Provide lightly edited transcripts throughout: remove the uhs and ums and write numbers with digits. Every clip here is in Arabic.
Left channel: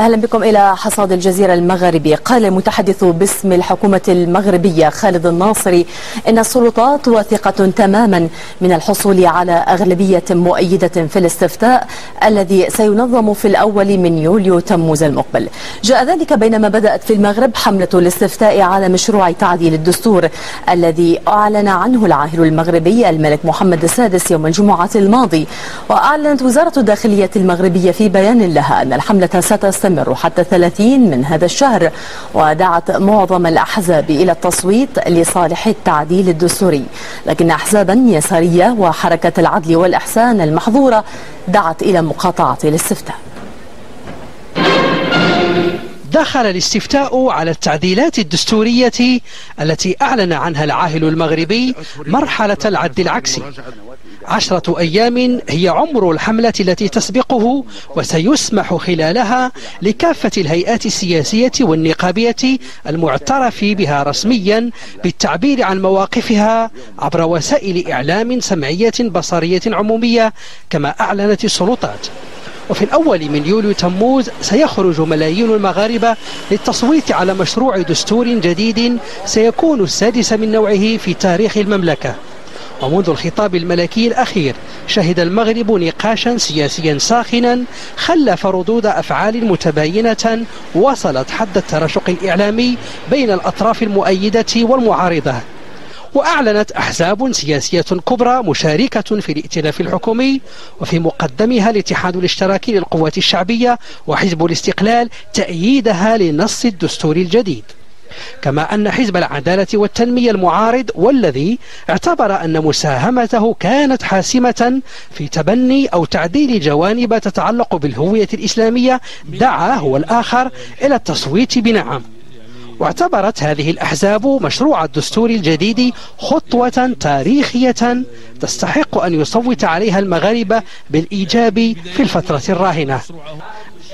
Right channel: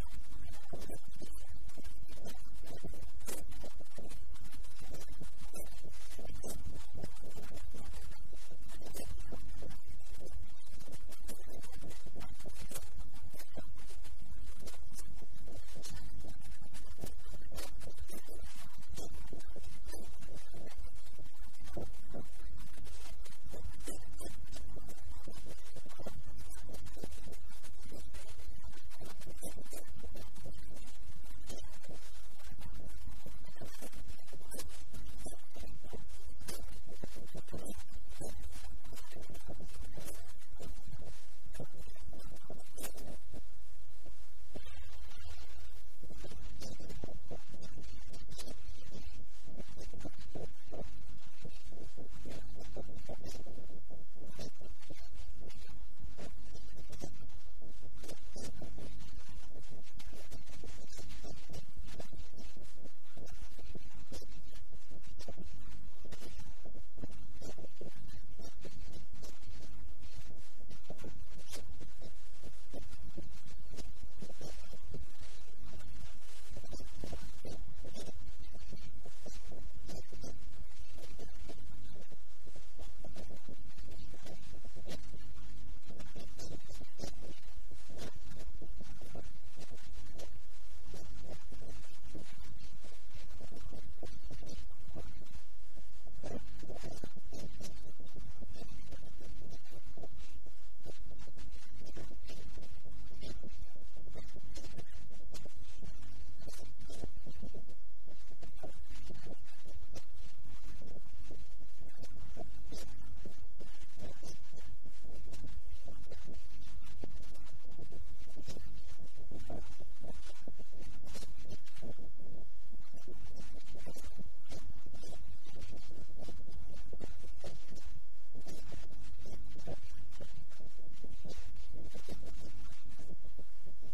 أهلا بكم إلى حصاد الجزيرة المغربي. قال المتحدث باسم الحكومة المغربية خالد الناصري إن السلطات واثقة تماما من الحصول على أغلبية مؤيدة في الاستفتاء الذي سينظم في الأول من يوليو تموز المقبل. جاء ذلك بينما بدأت في المغرب حملة الاستفتاء على مشروع تعديل الدستور الذي أعلن عنه العاهل المغربي الملك محمد السادس يوم الجمعة الماضي. وأعلنت وزارة الداخلية المغربية في بيان لها أن الحملة ستستمر حتى 30 من هذا الشهر، ودعت معظم الأحزاب إلى التصويت لصالح التعديل الدستوري، لكن أحزابا يسارية وحركة العدل والإحسان المحظورة دعت إلى مقاطعة الاستفتاء. دخل الاستفتاء على التعديلات الدستورية التي أعلن عنها العاهل المغربي مرحلة العد العكسي. 10 أيام هي عمر الحملة التي تسبقه، وسيسمح خلالها لكافة الهيئات السياسية والنقابية المعترف بها رسميا بالتعبير عن مواقفها عبر وسائل إعلام سمعية بصرية عمومية كما أعلنت السلطات. وفي الأول من يوليو تموز سيخرج ملايين المغاربة للتصويت على مشروع دستور جديد سيكون السادس من نوعه في تاريخ المملكة. ومنذ الخطاب الملكي الأخير شهد المغرب نقاشا سياسيا ساخنا خلف ردود أفعال متباينة وصلت حد التراشق الإعلامي بين الأطراف المؤيدة والمعارضة. وأعلنت أحزاب سياسية كبرى مشاركة في الائتلاف الحكومي، وفي مقدمها الاتحاد الاشتراكي للقوات الشعبية وحزب الاستقلال تأييدها لنص الدستور الجديد. كما أن حزب العدالة والتنمية المعارض والذي اعتبر أن مساهمته كانت حاسمة في تبني أو تعديل جوانب تتعلق بالهوية الإسلامية دعا هو الآخر إلى التصويت بنعم. واعتبرت هذه الأحزاب مشروع الدستور الجديد خطوة تاريخية تستحق أن يصوت عليها المغاربة بالإيجاب في الفترة الراهنة.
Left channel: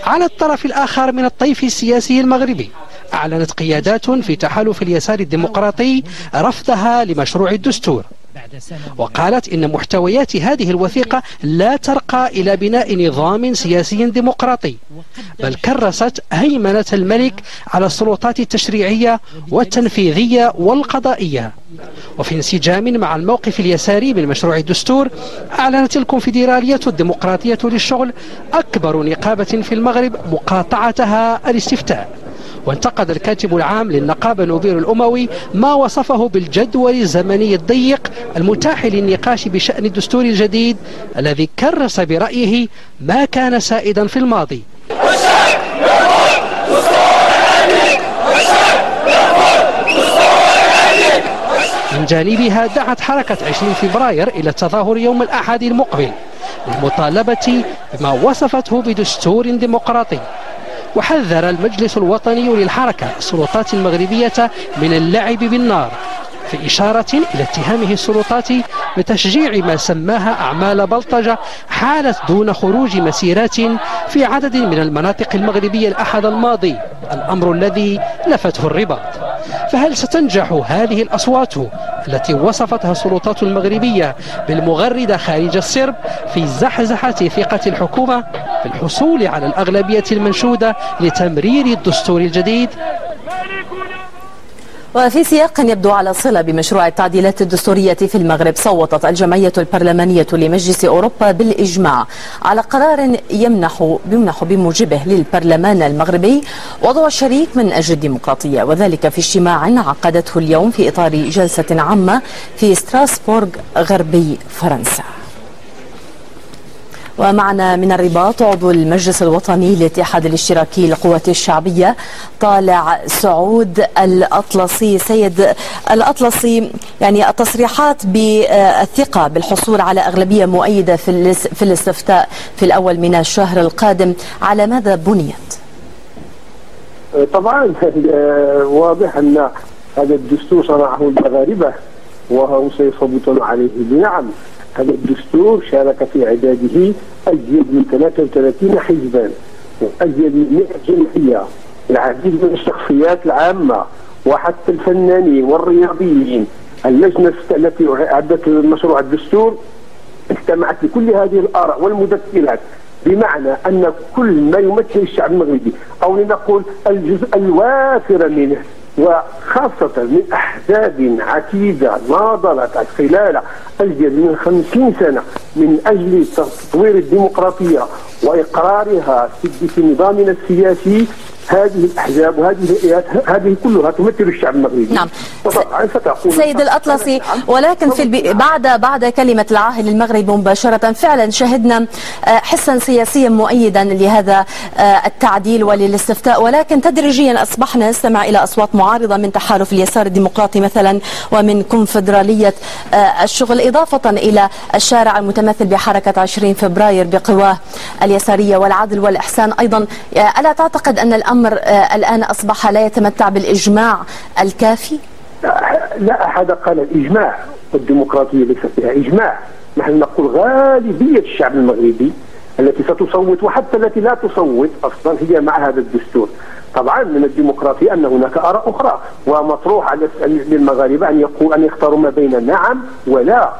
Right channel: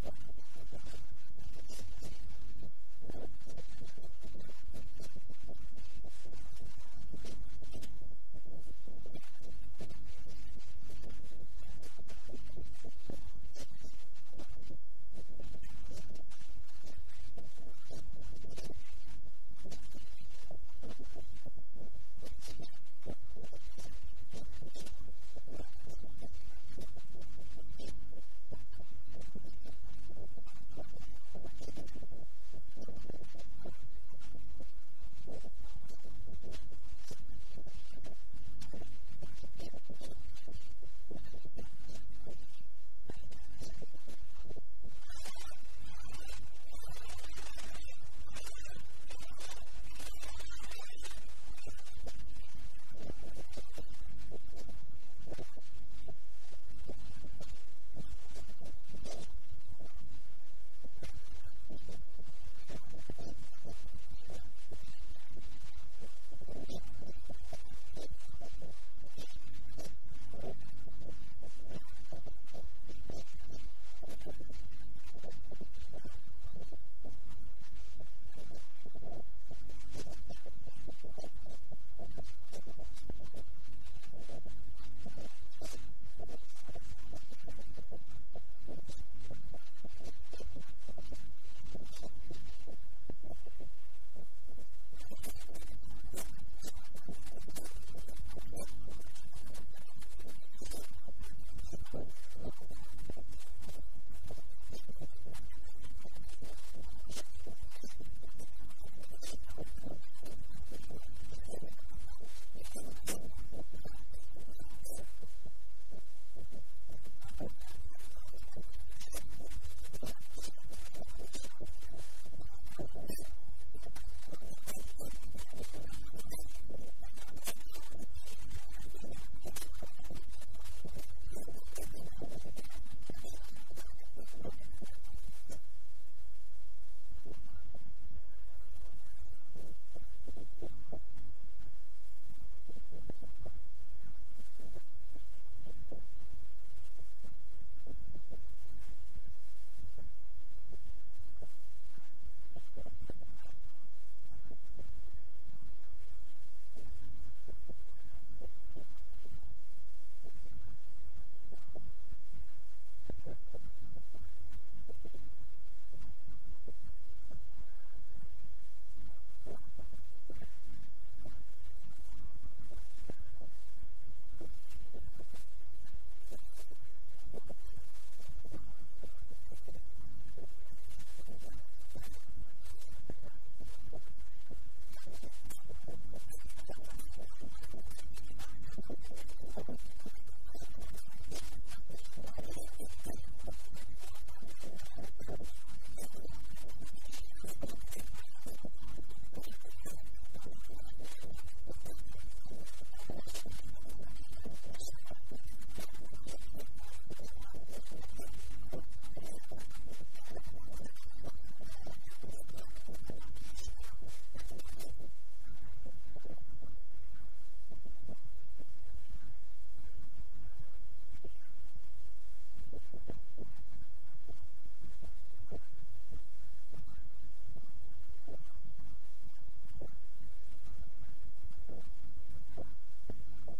على الطرف الآخر من الطيف السياسي المغربي أعلنت قيادات في تحالف اليسار الديمقراطي رفضها لمشروع الدستور، وقالت إن محتويات هذه الوثيقة لا ترقى إلى بناء نظام سياسي ديمقراطي، بل كرست هيمنة الملك على السلطات التشريعية والتنفيذية والقضائية. وفي انسجام مع الموقف اليساري من مشروع الدستور أعلنت الكونفدرالية الديمقراطية للشغل أكبر نقابة في المغرب مقاطعتها الاستفتاء. وانتقد الكاتب العام للنقابة نوبير الأموي ما وصفه بالجدول الزمني الضيق المتاح للنقاش بشأن الدستور الجديد الذي كرس برأيه ما كان سائدا في الماضي. من جانبها دعت حركة 20 فبراير إلى التظاهر يوم الأحد المقبل للمطالبة بما وصفته بدستور ديمقراطي. وحذر المجلس الوطني للحركة السلطات المغربية من اللعب بالنار، في إشارة إلى اتهامه السلطات بتشجيع ما سماها أعمال بلطجة حالت دون خروج مسيرات في عدد من المناطق المغربية الأحد الماضي، الأمر الذي لفته الرباط. فهل ستنجح هذه الأصوات التي وصفتها السلطات المغربية بالمغردة خارج السرب في زحزحة ثقة الحكومة في الحصول على الأغلبية المنشودة لتمرير الدستور الجديد؟ وفي سياق يبدو على صلة بمشروع التعديلات الدستورية في المغرب، صوتت الجمعية البرلمانية لمجلس أوروبا بالإجماع على قرار يمنح بموجبه للبرلمان المغربي وضع شريك من أجل الديمقراطية، وذلك في اجتماع عقدته اليوم في إطار جلسة عامة في ستراسبورغ غربي فرنسا. ومعنا من الرباط عضو المجلس الوطني للاتحاد الاشتراكي للقوات الشعبية طالع سعود الأطلسي. سيد الأطلسي، يعني التصريحات بالثقة بالحصول على أغلبية مؤيدة في الاستفتاء في الأول من الشهر القادم على ماذا بنيت؟ طبعا واضح أن هذا الدستور صنعه المغاربة وهم سيصوتون عليه بنعم. هذا الدستور شارك في إعداده أزيد من 33 حزبا وأزيد من 100 جمعية، العديد من الشخصيات العامة وحتى الفنانين والرياضيين. اللجنة التي أعدت مشروع الدستور استمعت لكل هذه الآراء والمذكرات بمعنى أن كل ما يمثل الشعب المغربي أو لنقول الجزء الوافر منه، وخاصة من أحزاب عتيدة ناضلت خلال أزيد من 50 سنة من أجل تطوير الديمقراطية وإقرارها في نظامنا السياسي، هذه الأحزاب وهذه الهيئات هذه كلها تمثل الشعب المغربي. نعم سيد الأطلسي، ولكن بعد كلمة العاهل المغربي مباشرة فعلا شهدنا حسا سياسيا مؤيدا لهذا التعديل وللاستفتاء، ولكن تدريجيا أصبحنا نستمع إلى أصوات معارضة من تحالف اليسار الديمقراطي مثلا ومن كونفدرالية الشغل، إضافة إلى الشارع المتمثل بحركة 20 فبراير بقواه اليسارية والعدل والإحسان أيضا. ألا تعتقد أن الأمر الآن أصبح لا يتمتع بالإجماع الكافي؟ لا أحد قال الإجماع، والديمقراطية ليس فيها إجماع. نحن نقول غالبية الشعب المغربي التي ستصوت وحتى التي لا تصوت أصلا هي مع هذا الدستور. طبعا من الديمقراطية أن هناك آراء أخرى، ومطروح على للمغاربة أن يختاروا ما بين نعم ولا.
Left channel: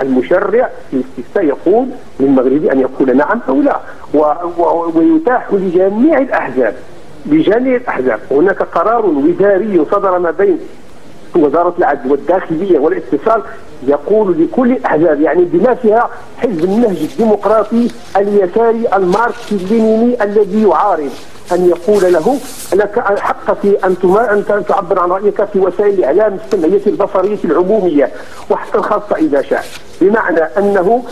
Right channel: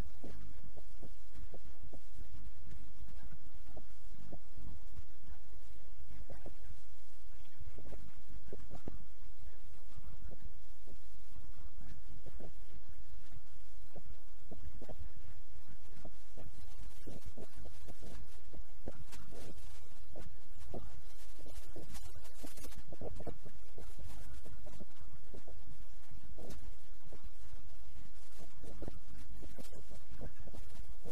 المشرع في الاستفتاء يقول للمغربي أن يقول نعم أو لا، ويتاح لجميع الأحزاب. هناك قرار وزاري صدر ما بين وزارة العدل والداخلية والاتصال يقول لكل الأحزاب، يعني بما فيها حزب النهج الديمقراطي اليساري الماركسي اللينيني الذي يعارض، أن يقول له لك حق في أن تعبر عن رأيك في وسائل الإعلام السمعية البصرية العمومية وحتى الخاصة إذا شاء. بمعنى أنه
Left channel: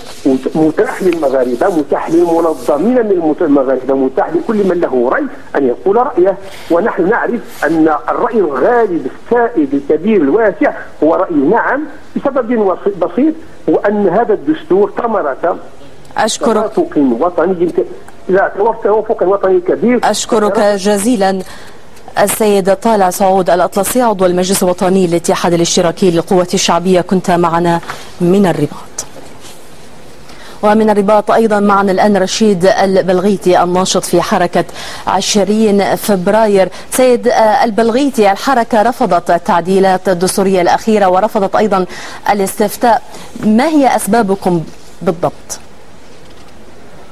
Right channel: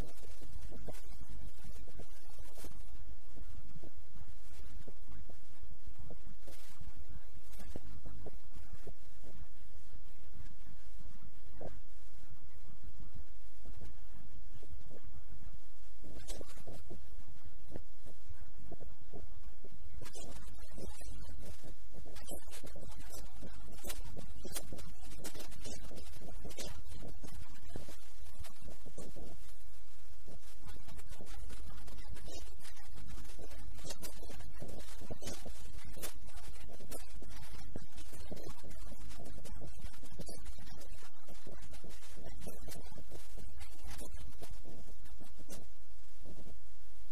متاح للمغاربة، متاح للمنظمين من المغاربة، متاح لكل من له رأي أن يقول رأيه. ونحن نعرف أن الرأي الغالب السائد الكبير الواسع هو رأي نعم، بسبب بسيط، وأن هذا الدستور ثمرة توافق وطني توافق وطني كبير. أشكرك جزيلا السيد طالع سعود الأطلسي عضو المجلس الوطني للاتحاد الاشتراكي للقوة الشعبية، كنت معنا من الرباط. ومن الرباط أيضا معنا الآن رشيد البلغيتي الناشط في حركة 20 فبراير. سيد البلغيتي، الحركة رفضت التعديلات الدستورية الأخيرة ورفضت أيضا الاستفتاء، ما هي أسبابكم بالضبط؟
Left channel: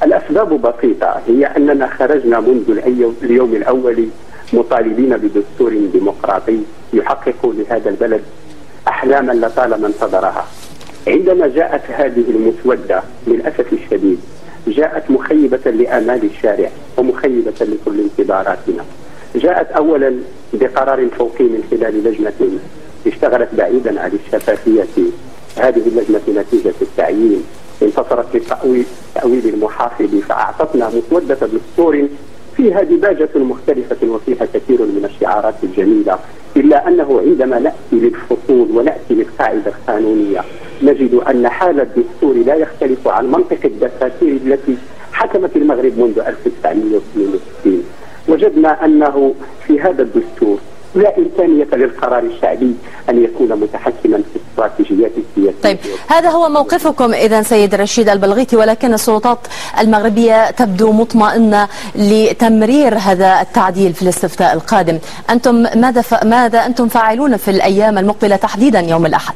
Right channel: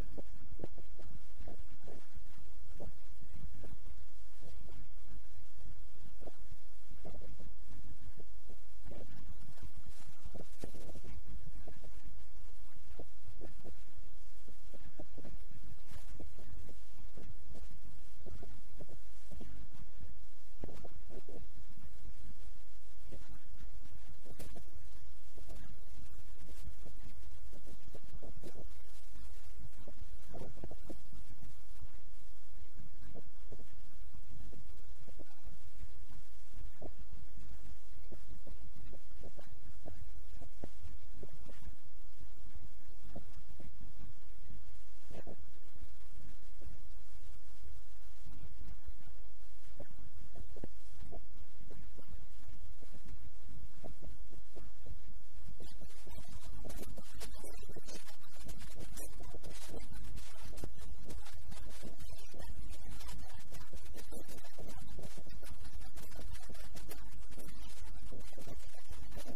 الأسباب بسيطة، هي أننا خرجنا منذ اليوم الأول مطالبين بدستور ديمقراطي يحقق لهذا البلد أحلاما لطالما انتظرها. عندما جاءت هذه المسودة للأسف الشديد جاءت مخيبة لآمال الشارع ومخيبة لكل انتظاراتنا. جاءت أولا بقرار فوقي من خلال لجنة اشتغلت بعيدا عن الشفافية. هذه اللجنة نتيجة التعيين انتصرت لتأويل المحافظ فأعطتنا مسودة دستور فيها دباجة مختلفة وفيها كثير من الشعارات الجميلة، إلا أنه عندما نأتي للفصول ونأتي للقاعدة القانونية نجد أن حال الدستور لا يختلف عن منطق الدساتير التي حكمت المغرب منذ 1962. وجدنا أنه في هذا الدستور لا إمكانية للقرار الشعبي أن يكون متحكما في استراتيجيات السياسية. طيب، هذا هو موقفكم إذن سيد رشيد البلغيتي، ولكن السلطات المغربية تبدو مطمئنة لتمرير هذا التعديل في الاستفتاء القادم. أنتم ماذا أنتم فاعلون في الأيام المقبلة تحديدا يوم الأحد؟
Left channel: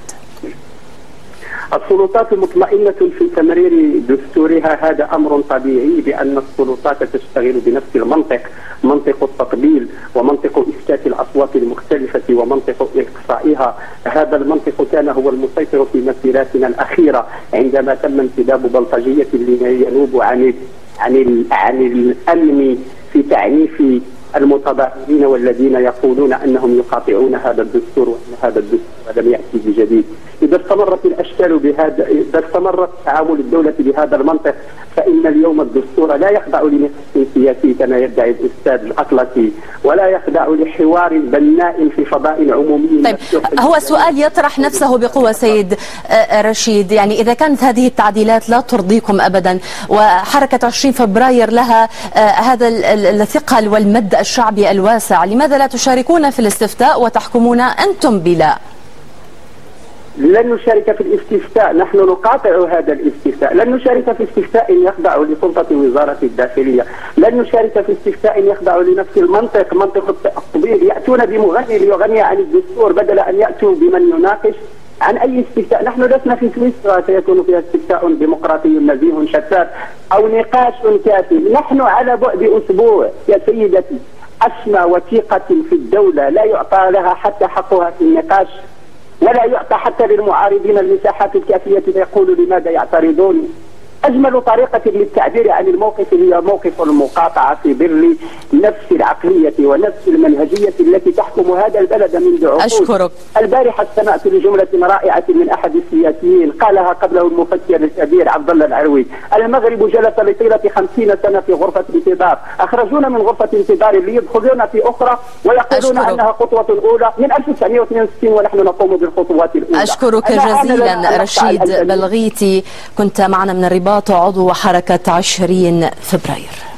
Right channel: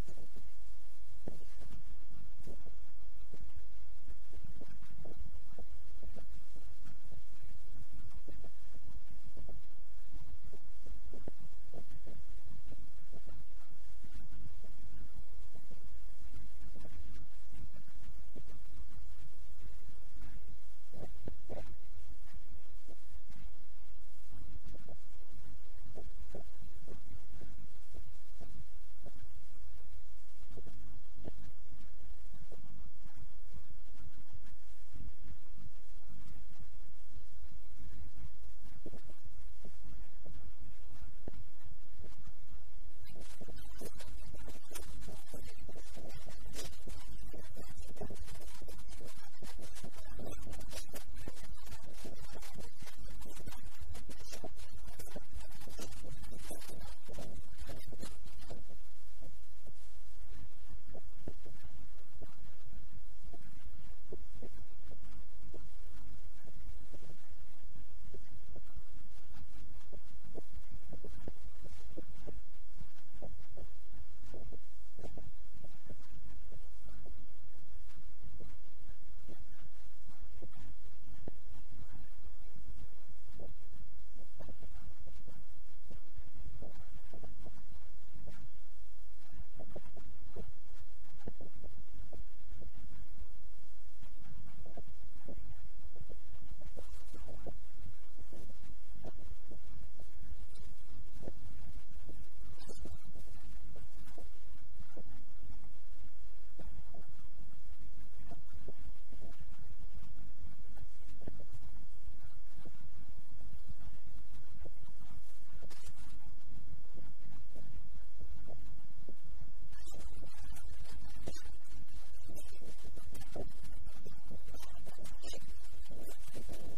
السلطات مطمئنة في تمرير دستورها، هذا أمر طبيعي بأن السلطات تشتغل بنفس المنطق، منطق التطبيل ومنطق إسكات الأصوات المختلفة ومنطق إقصائها. هذا المنطق كان هو المسيطر في مسيراتنا الأخيرة عندما تم انتداب بلطجية لما ينوب عن الأمن في تعنيف المتظاهرين والذين يقولون أنهم يقاطعون هذا الدستور وأن هذا الدستور لم يأتي بجديد. إذا استمرت الأشكال بهذا، إذا استمرت تعامل الدولة بهذا المنطق، فإن اليوم الدستور لا يخضع لنقاش سياسي كما يدعي الأستاذ الأطلسي، ولا يخضع لحوار بناء في فضاء عمومي. طيب، هو سؤال يطرح نفسه بقوة سيد رشيد، يعني إذا كانت هذه التعديلات لا ترضيكم أبدا وحركة 20 فبراير لها هذا الثقل والمد الشعبي الواسع، لماذا لا تشاركون في الاستفتاء وتحكمون أنتم بلا؟ لن نشارك في الاستفتاء، نحن نقاطع هذا الاستفتاء. لن نشارك في استفتاء يخضع لسلطة وزارة الداخلية، لن نشارك في استفتاء يخضع لنفس المنطق، منطق التقبيل. يأتون بمغني ليغني عن الدستور بدل أن يأتوا بمن يناقش عن أي استفتاء. نحن لسنا في سويسرا سيكون فيها استفتاء ديمقراطي نزيه شفاف أو نقاش كافي. نحن على بعد أسبوع يا سيدتي. أسمى وثيقة في الدولة لا يعطى لها حتى حقها في النقاش، ولا يعطى حتى للمعارضين المساحات الكافية ليقولوا لماذا يعترضون. أجمل طريقة للتعبير عن الموقف هي موقف المقاطعة في ظل نفس العقلية ونفس المنهجية التي تحكم هذا البلد منذ عقود. أشكرك. البارحة استمعت لجملة رائعة من أحد السياسيين قالها قبله المفكر الكبير عبد الله العروي: المغرب جلس لطيلة 50 سنة في غرفة انتظار، أخرجونا من غرفة انتظار ليدخلونا في أخرى ويقولون أنها خطوة أولى من 1962 ونحن نقوم بالخطوات الأولى. أشكرك جزيلا رشيد بلغيتي، كنت معنا من الرباط عضو حركة 20 فبراير.